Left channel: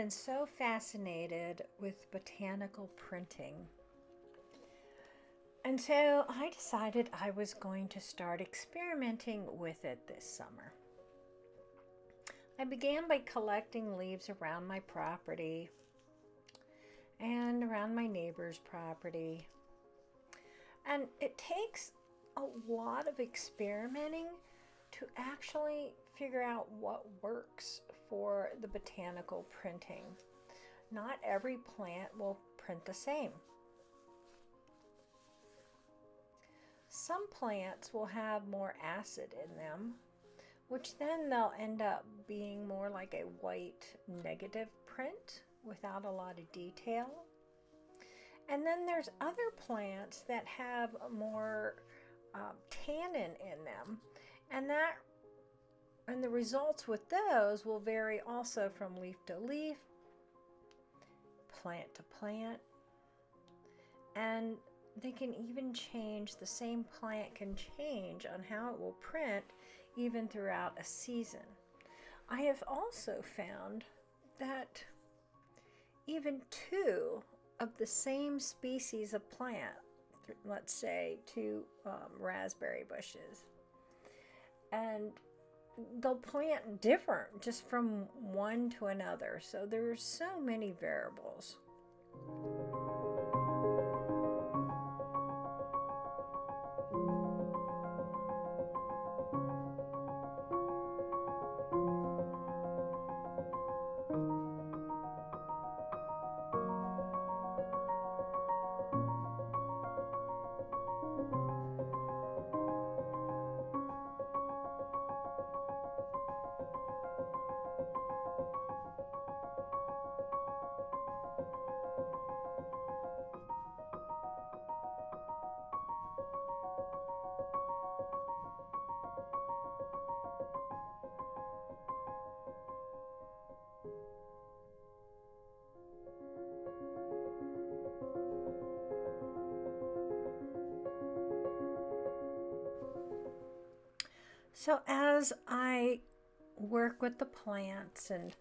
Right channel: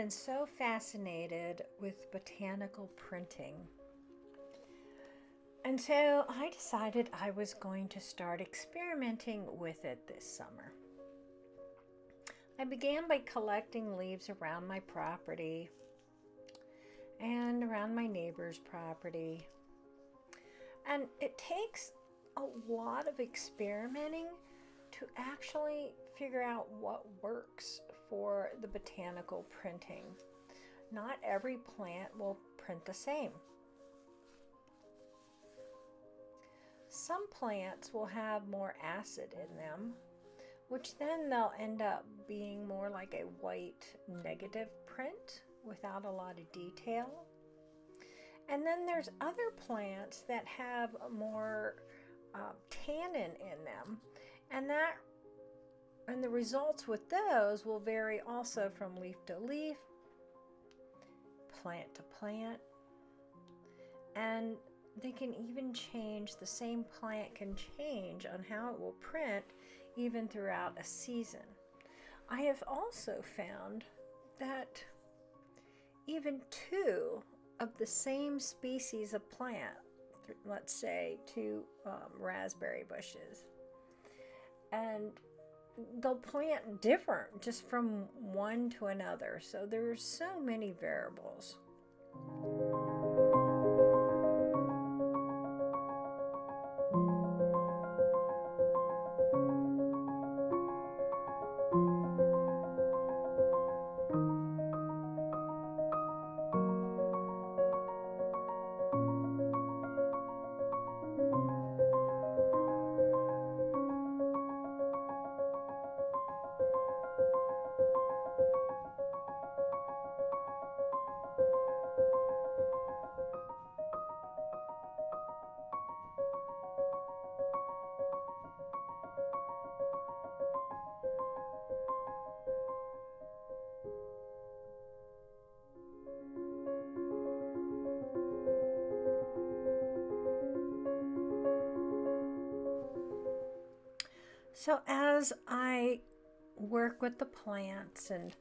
been so fascinated with botanical printing. And so I decided I was going to start experimenting with it this summer. I began by collecting leaves around my property and around my neighbor's property. And it takes a lot of experimenting to actually figure out what works for the botanical printing. Not every plant will print the same. Some plants will have more acid in them, which then they'll end up being more like a white negative print without a lot of detail. And then there's other plants that have more tannin in them, and the results with those will vary also from leaf to leaf, plant to plant, and they can even change. The same plant can change on how it will print even throughout a season. I have also found that even two of the same species of plant, let's say two raspberry bushes, and they'll plant different just from one to another. So there's so many variables. So as I work with the plants and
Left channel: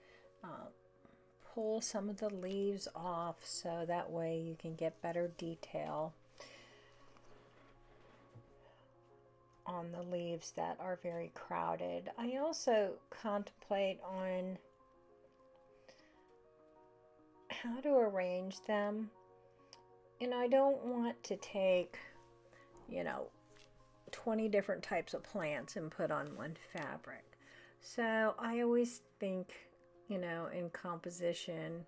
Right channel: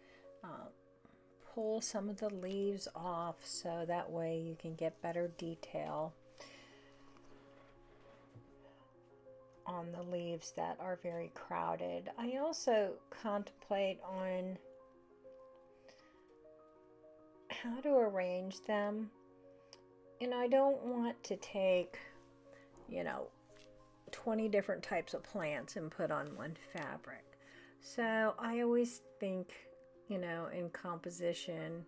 pull some of the leaves off so that way you can get better detail on the leaves that are very crowded, I also contemplate on how to arrange them. And I don't want to take, 20 different types of plants and put on one fabric. So I always think, in composition,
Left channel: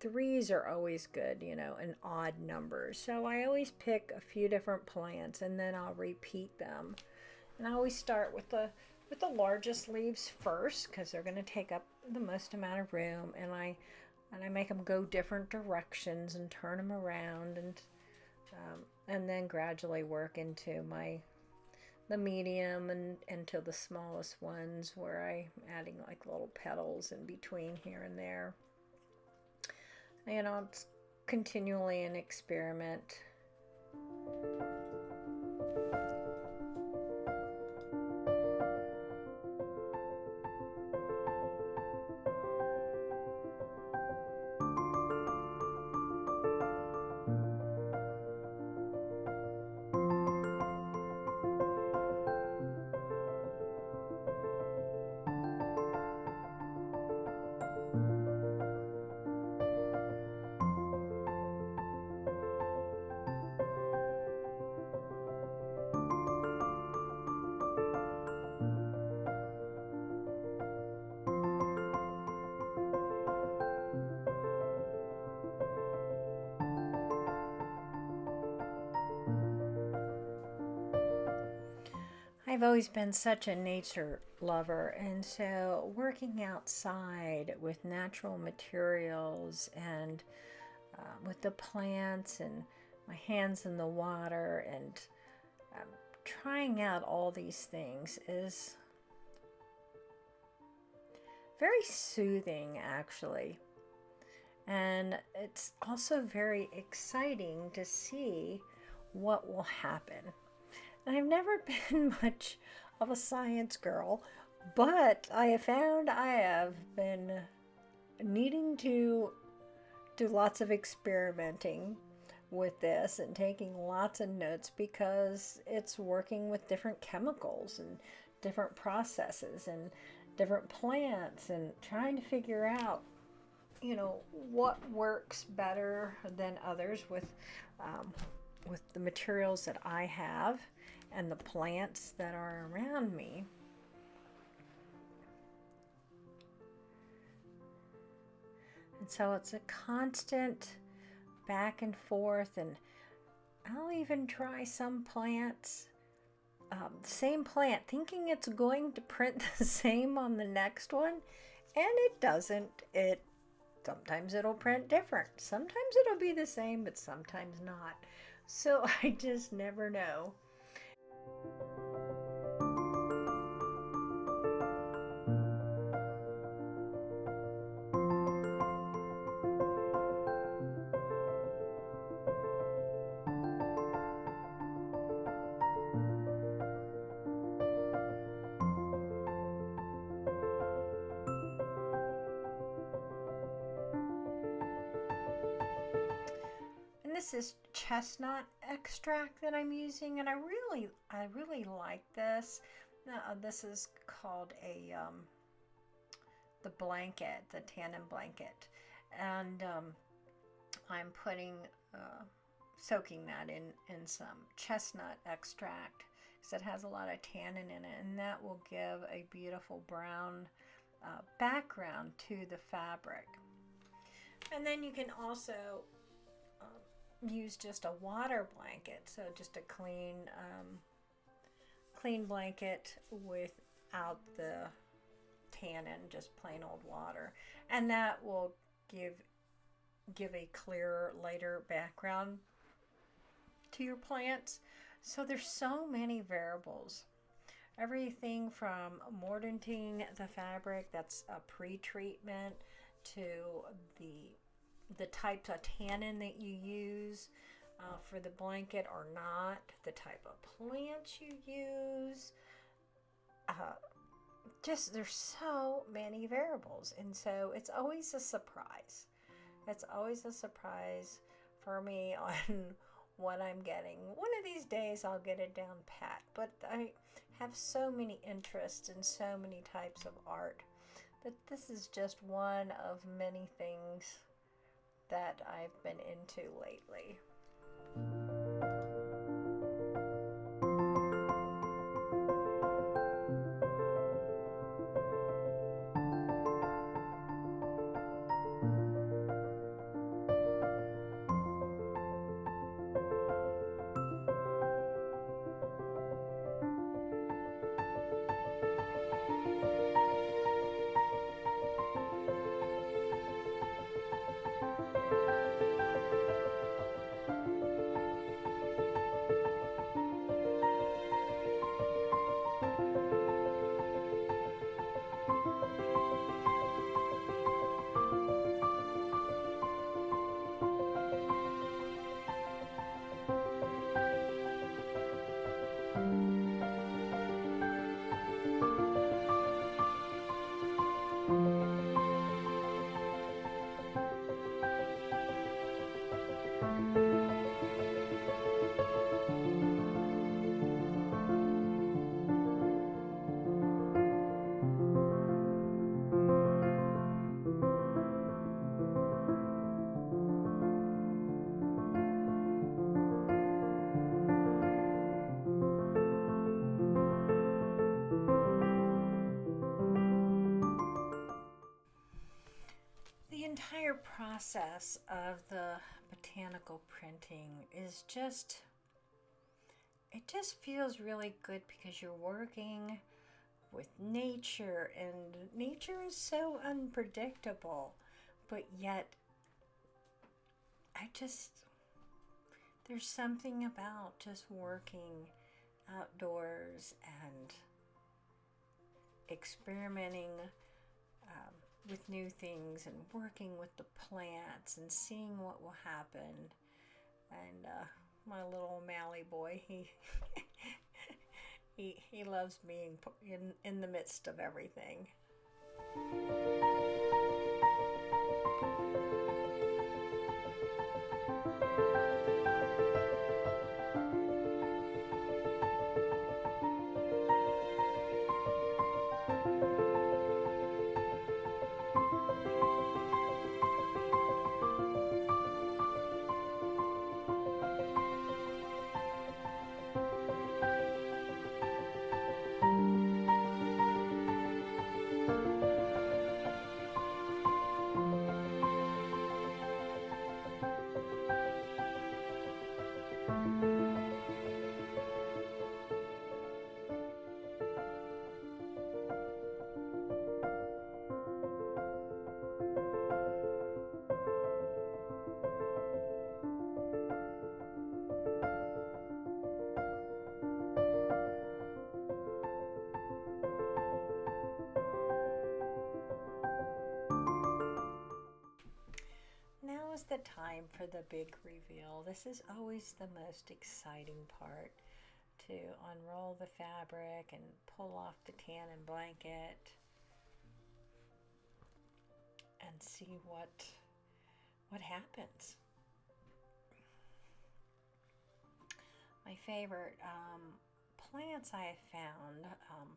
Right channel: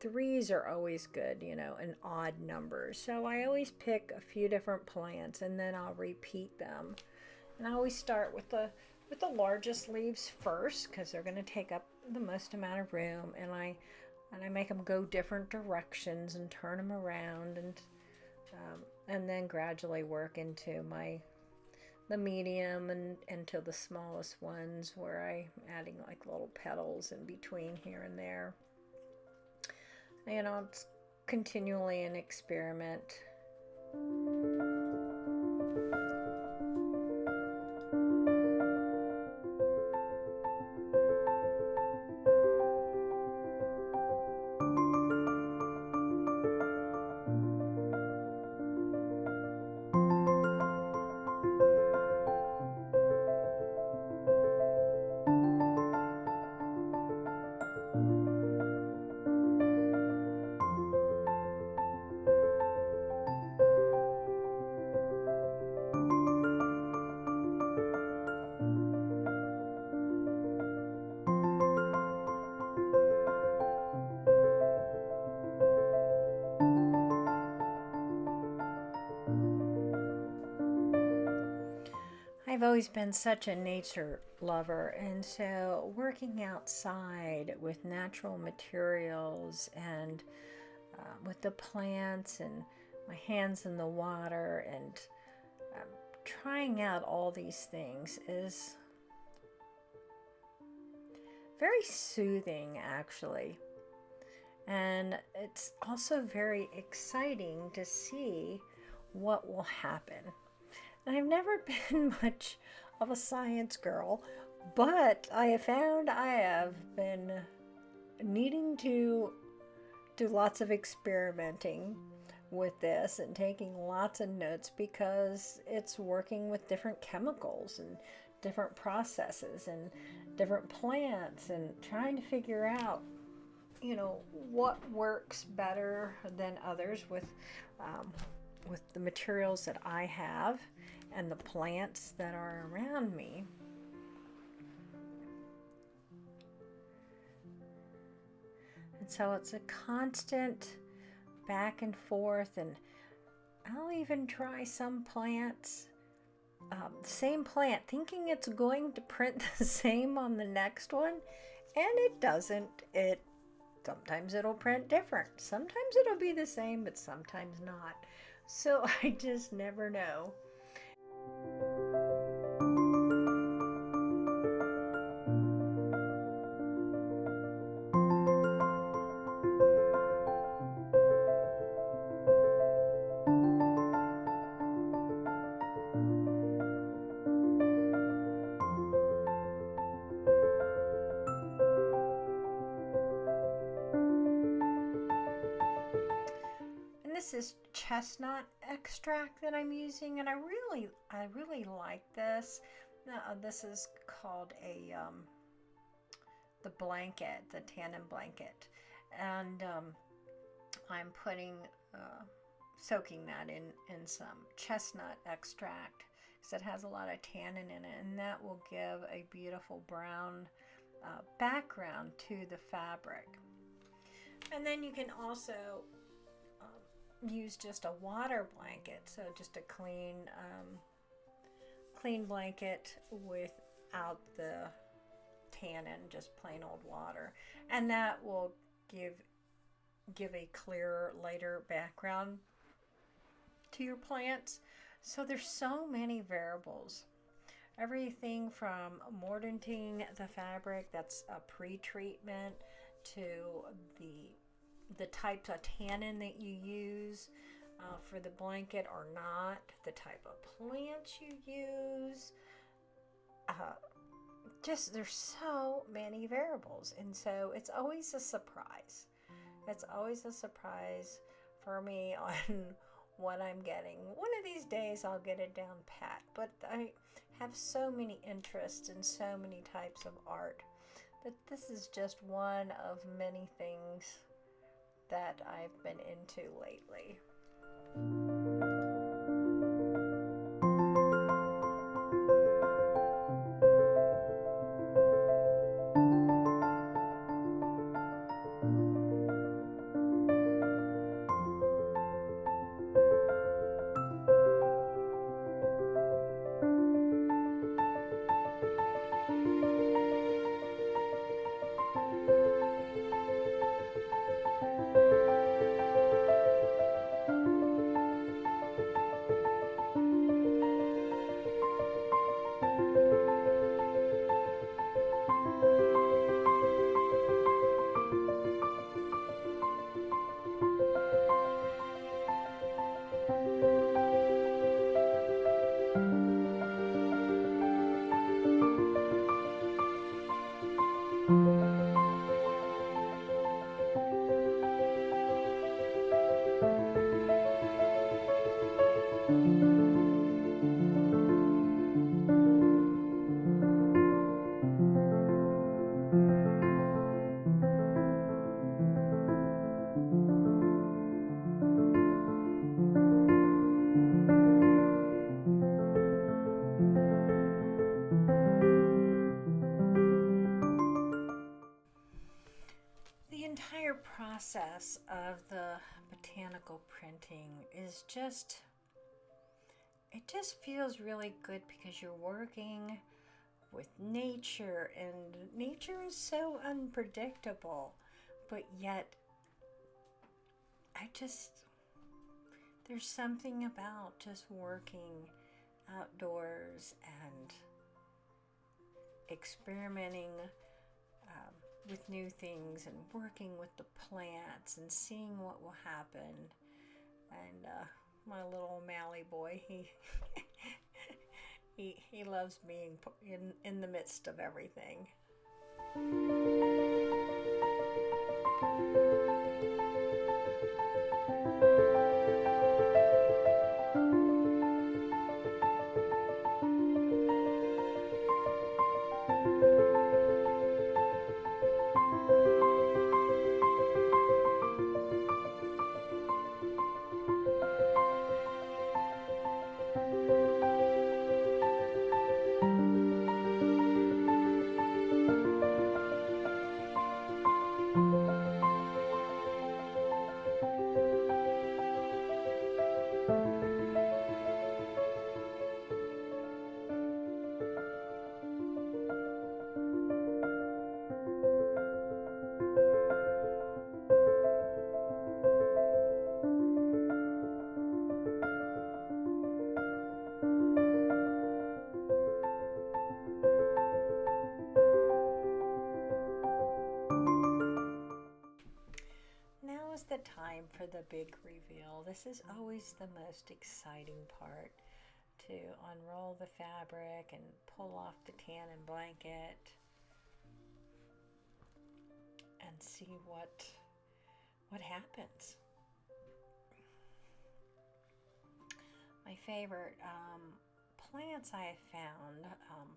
threes are always good, and odd numbers. So I always pick a few different plants and then I'll repeat them. And I always start with the largest leaves first because they're going to take up the most amount of room, and I make them go different directions and turn them around, and then gradually work into the medium and into the smallest ones where I'm adding like little petals in between here and there. It's continually an experiment. I've always been such a nature lover, and so working outside with natural materials and with the plants and my hands in the water and trying out all these things is very soothing, actually. And it's also very exciting to see what will happen. And I've never been much of a science girl, But I have found I have been needing to do lots of experimenting with this and taking lots of notes because it's working with different chemicals and different processes and different plants and trying to figure out, what works better than others with the materials that I have and the plants that are around me. And so it's a constant back and forth, and I'll even try some plants, same plant, thinking it's going to print the same on the next one, and it doesn't. Sometimes it'll print different. Sometimes it'll be the same, but sometimes not. So I just never know. And this is chestnut extract that I'm using, and I really like this. This is called the blanket, the tannin blanket, and I'm soaking that in some chestnut extract because it has a lot of tannin in it, and that will give a beautiful brown background to the fabric. And then you can also use just a water blanket, so just a clean blanket without the tannin, just plain old water, and that will give a clearer, lighter background to your plants. So there's so many variables. Everything from mordanting the fabric, that's a pre-treatment, to the types of tannin that you use for the blanket or not, the type of plants you use. Just there's so many variables, and so it's always a surprise. It's always a surprise for me on what I'm getting. One of these days I'll get it down pat, but I have so many interests in so many types of art that this is just one of many things that I've been into lately. The entire process of the botanical printing is it just feels really good because you're working with nature, and nature is so unpredictable, but yet there's something about just working outdoors and experimenting with new things and working with the plants and seeing what will happen. And my little Mally boy, He loves being in the midst of everything. Now is the time for the big reveal. This is always the most exciting part, to unroll the fabric and pull off the tannin blanket and see what happens. My favorite plants I have found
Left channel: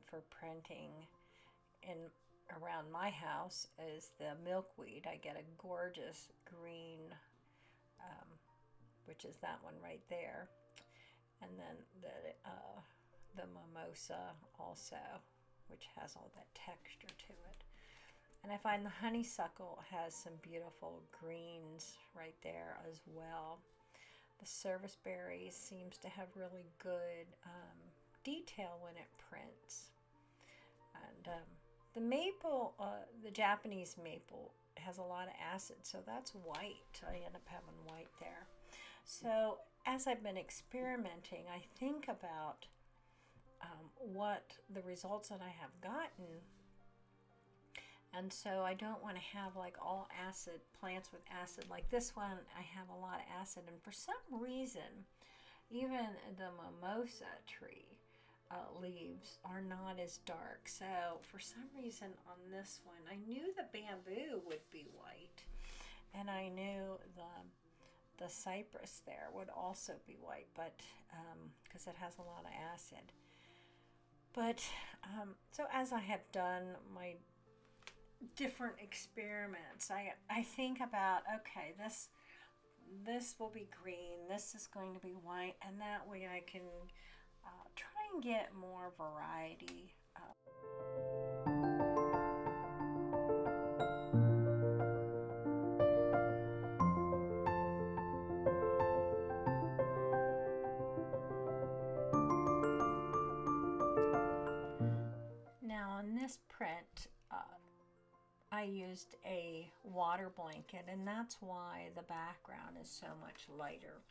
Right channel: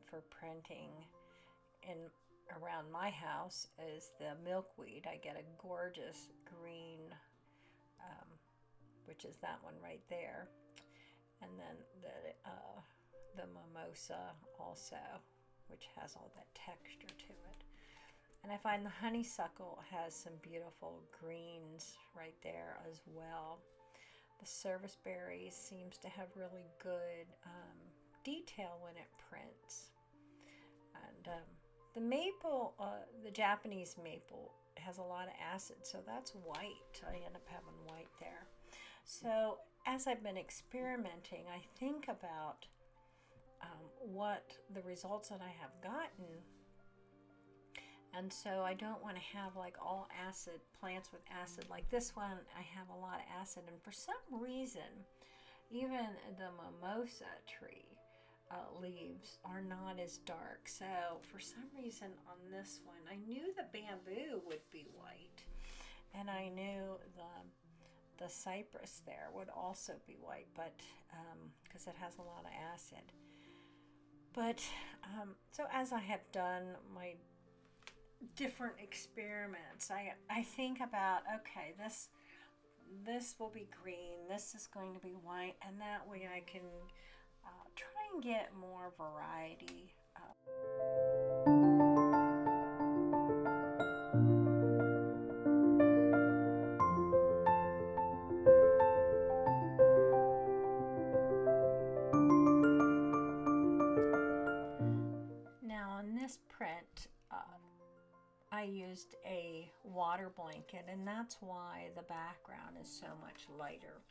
for printing in around my house is the milkweed. I get a gorgeous green, which is that one right there, and then the mimosa also, which has all that texture to it. And I find the honeysuckle has some beautiful greens right there as well. The serviceberry seems to have really good detail when it prints. And the maple, the Japanese maple, has a lot of acid, so that's white. I end up having white there. So as I've been experimenting, I think about what the results that I have gotten. And so I don't want to have like all acid plants with acid. Like this one, I have a lot of acid, and for some reason, even the mimosa tree leaves are not as dark. So for some reason on this one, I knew the bamboo would be white, and I knew the cypress there would also be white, but because it has a lot of acid. But so as I have done my different experiments, I think about, okay, this will be green, this is going to be white, and that way I can try and get more variety. Now on this print, I used a water blanket, and that's why the background is so much lighter.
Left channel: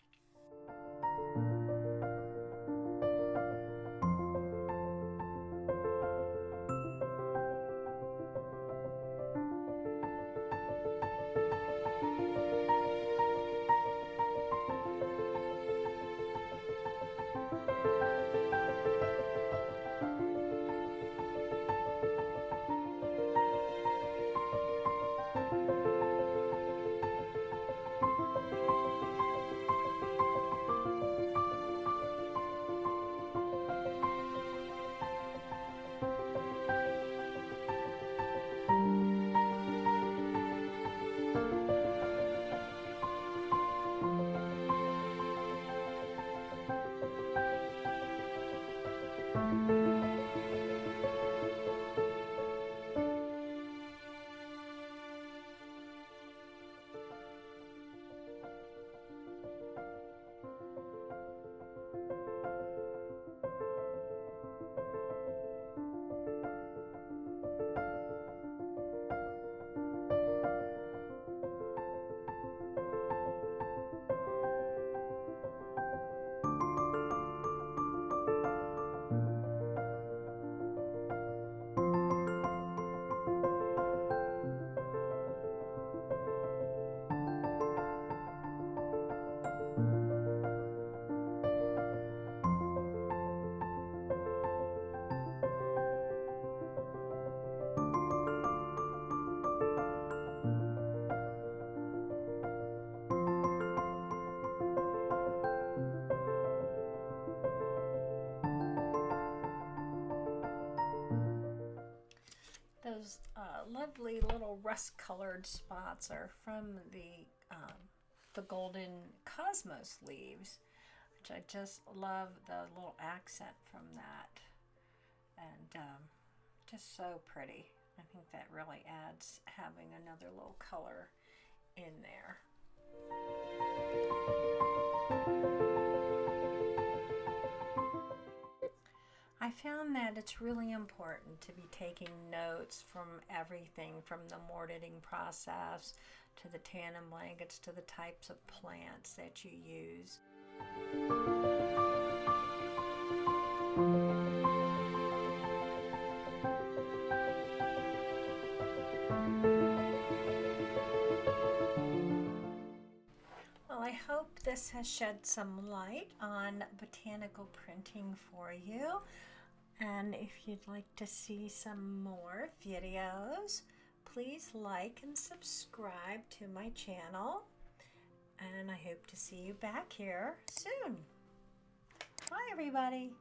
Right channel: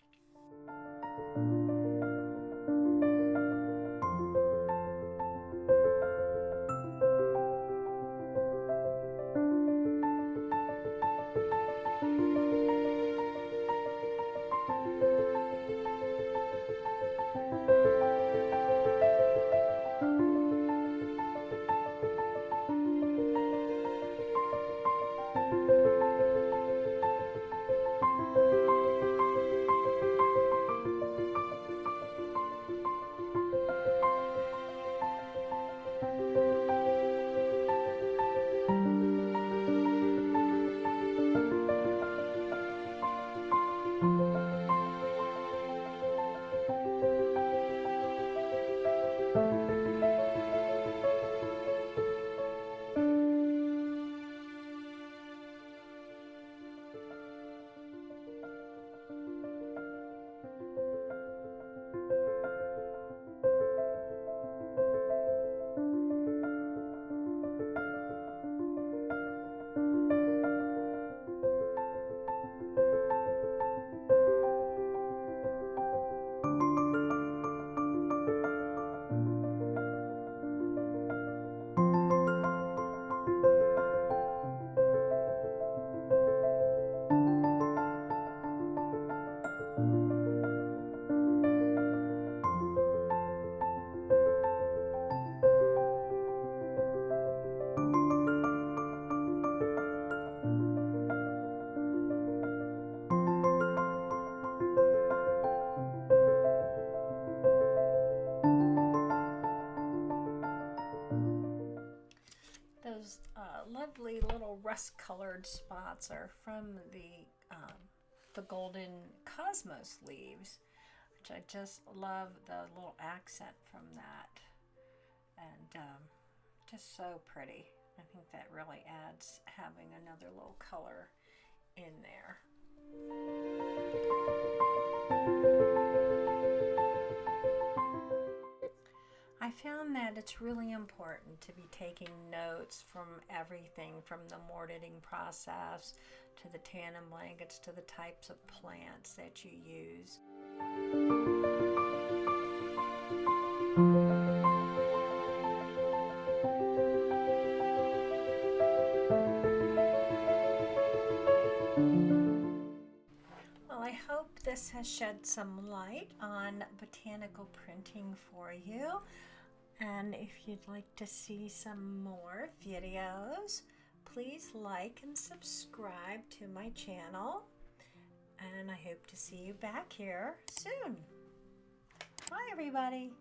lovely little rust-colored spots are from the golden cosmos leaves, which I just love the little accent from that, and just so pretty. I think that really adds having another little color in there. I found that it's really important to be taking notes from everything from the mortating process to the tannin blankets to the types of plants that you use. Well, I hope this has shed some light on botanical printing for you. And if you'd like to see some more videos, please like and subscribe to my channel. And I hope to see you back here soon. Bye, everybody.